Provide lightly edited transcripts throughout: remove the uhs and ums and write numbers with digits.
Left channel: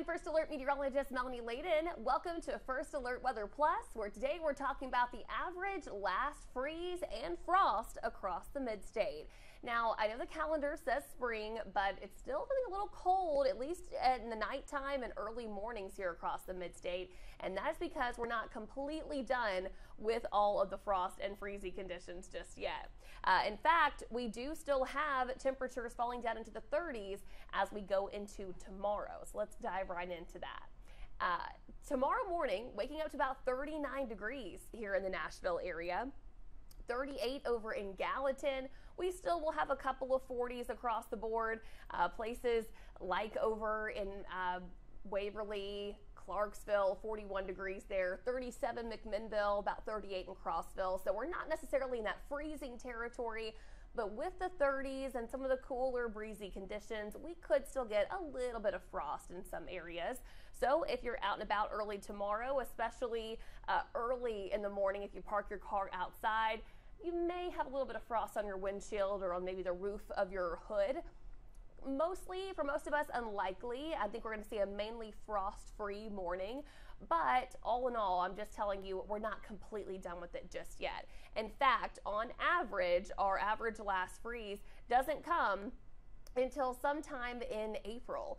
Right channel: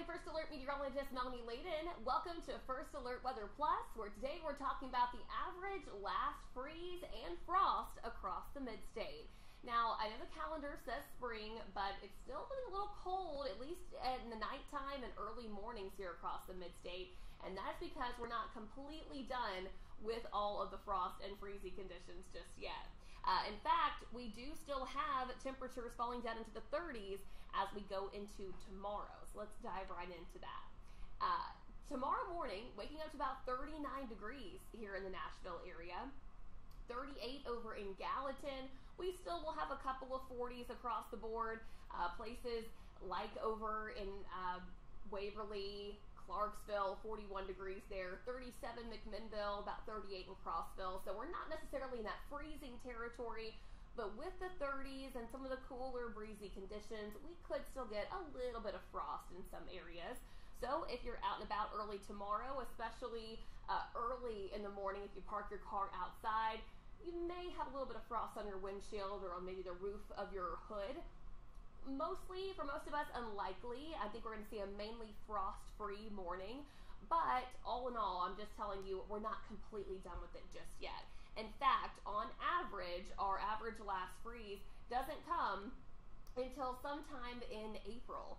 I'm First Alert meteorologist Melanie Layden. Welcome to First Alert Weather Plus, where today we're talking about the average last freeze and frost across the mid-state. Now, I know the calendar says spring, but it's still getting a little cold, at least in the nighttime and early mornings here across the mid-state. And that is because we're not completely done with all of the frost and freezy conditions just yet. In fact, we do still have temperatures falling down into the 30s as we go into tomorrow. So let's dive right into that. Tomorrow morning, waking up to about 39 degrees here in the Nashville area. 38 over in Gallatin. We still will have a couple of 40s across the board. Places like over in Waverly, Clarksville, 41 degrees there, 37 McMinnville, about 38 in Crossville. So we're not necessarily in that freezing territory, but with the 30s and some of the cooler breezy conditions, we could still get a little bit of frost in some areas. So if you're out and about early tomorrow, especially early in the morning, if you park your car outside, you may have a little bit of frost on your windshield or on maybe the roof of your hood. Mostly, for most of us, unlikely. I think we're going to see a mainly frost-free morning, but all in all, I'm just telling you, we're not completely done with it just yet. In fact, on average, our average last freeze doesn't come until sometime in April.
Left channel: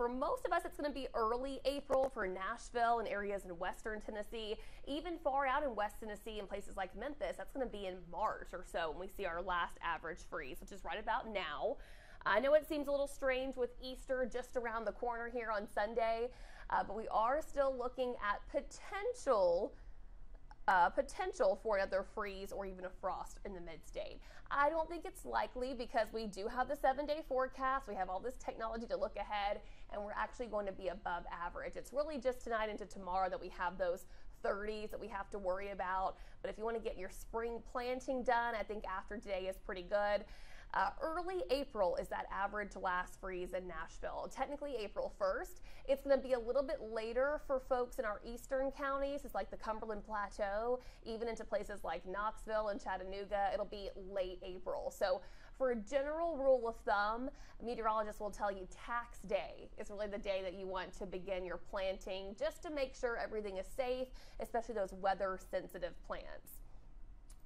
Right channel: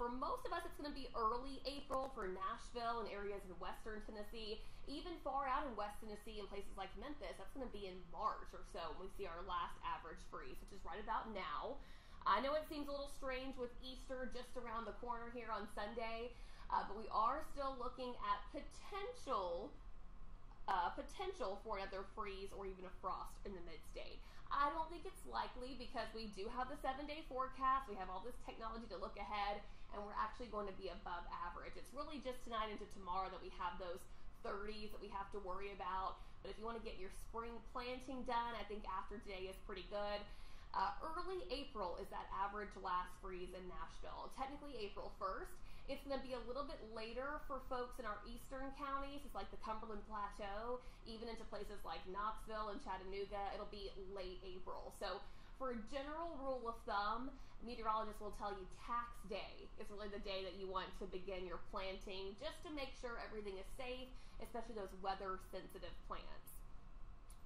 For most of us, it's going to be early April for Nashville and areas in western Tennessee. Even far out in West Tennessee and places like Memphis, that's going to be in March or so when we see our last average freeze, which is right about now. I know it seems a little strange with Easter just around the corner here on Sunday, but we are still looking at potential for another freeze or even a frost in the mid-state. I don't think it's likely because we do have the 7-day forecast. We have all this technology to look ahead, and we're actually going to be above average. It's really just tonight into tomorrow that we have those 30s that we have to worry about. But if you want to get your spring planting done, I think after today is pretty good. Early April is that average last freeze in Nashville. Technically April 1st. It's going to be a little bit later for folks in our eastern counties. It's like the Cumberland Plateau, even into places like Knoxville and Chattanooga. It'll be late April. So for a general rule of thumb, meteorologists will tell you tax day is really the day that you want to begin your planting, just to make sure everything is safe, especially those weather sensitive plants.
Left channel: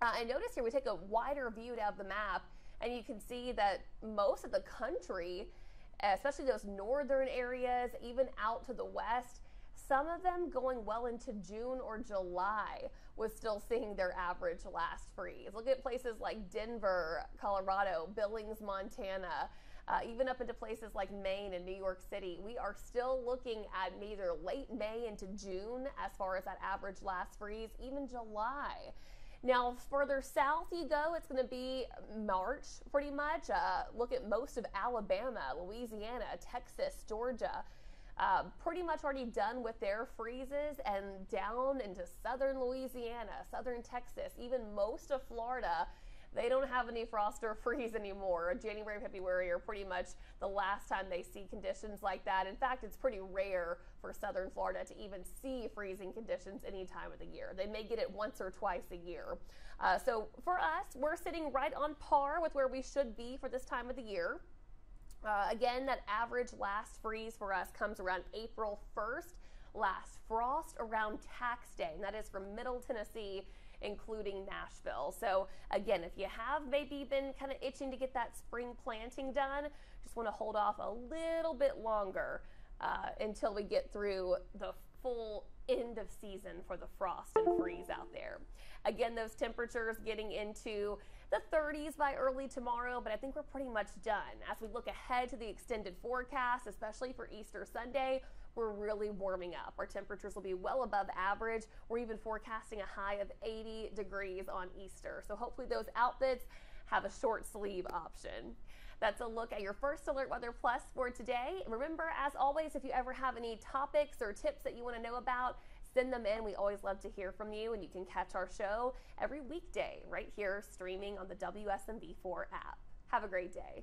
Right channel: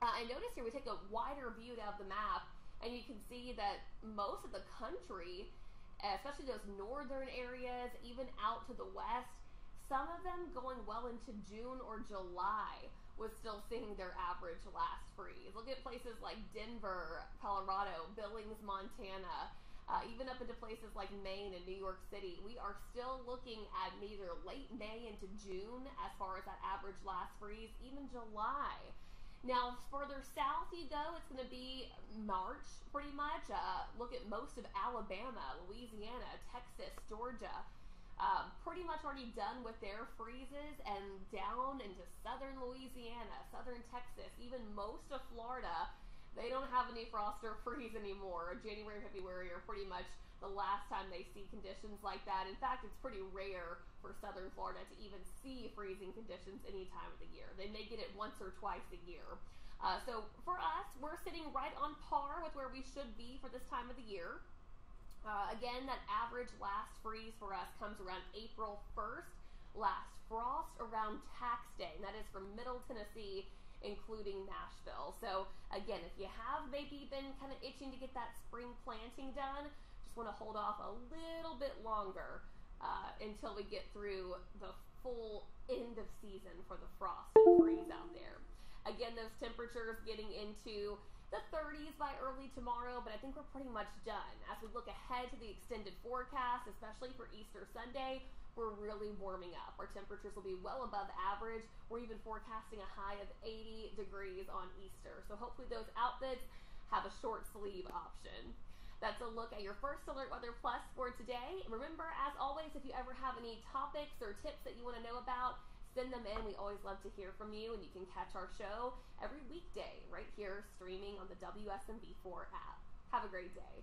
And notice here we take a wider view of the map, and you can see that most of the country, especially those northern areas, even out to the west, some of them going well into June or July was still seeing their average last freeze. Look at places like Denver, Colorado, Billings, Montana, even up into places like Maine and New York City. We are still looking at either late May into June as far as that average last freeze, even July. Now, further south you go, it's going to be March, pretty much. Look at most of Alabama, Louisiana, Texas, Georgia. Pretty much already done with their freezes, and down into southern Louisiana, southern Texas, even most of Florida. They don't have any frost or freeze anymore. January and February are pretty much the last time they see conditions like that. In fact, it's pretty rare for southern Florida to even see freezing conditions any time of the year. They may get it once or twice a year. So for us, we're sitting right on par with where we should be for this time of the year. Again, that average last freeze for us comes around April 1st. Last frost around tax day, and that is from Middle Tennessee, including Nashville. So again, if you have maybe been kind of itching to get that spring planting done, just want to hold off a little bit longer until we get through the full end of season for the frost and freeze out there. Again, those temperatures getting into the 30s by early tomorrow, but I think we're pretty much done. As we look ahead to the extended forecast, especially for Easter Sunday, we're really warming up. Our temperatures will be well above average. We're even forecasting a high of 80 degrees on Easter. So hopefully those outfits have a short sleeve option. That's a look at your First Alert Weather Plus for today. And remember, as always, if you ever have any topics or tips that you want to know about, send them in. We always love to hear from you, and you can catch our show every weekday right here streaming on the WSMV4 app. Have a great day.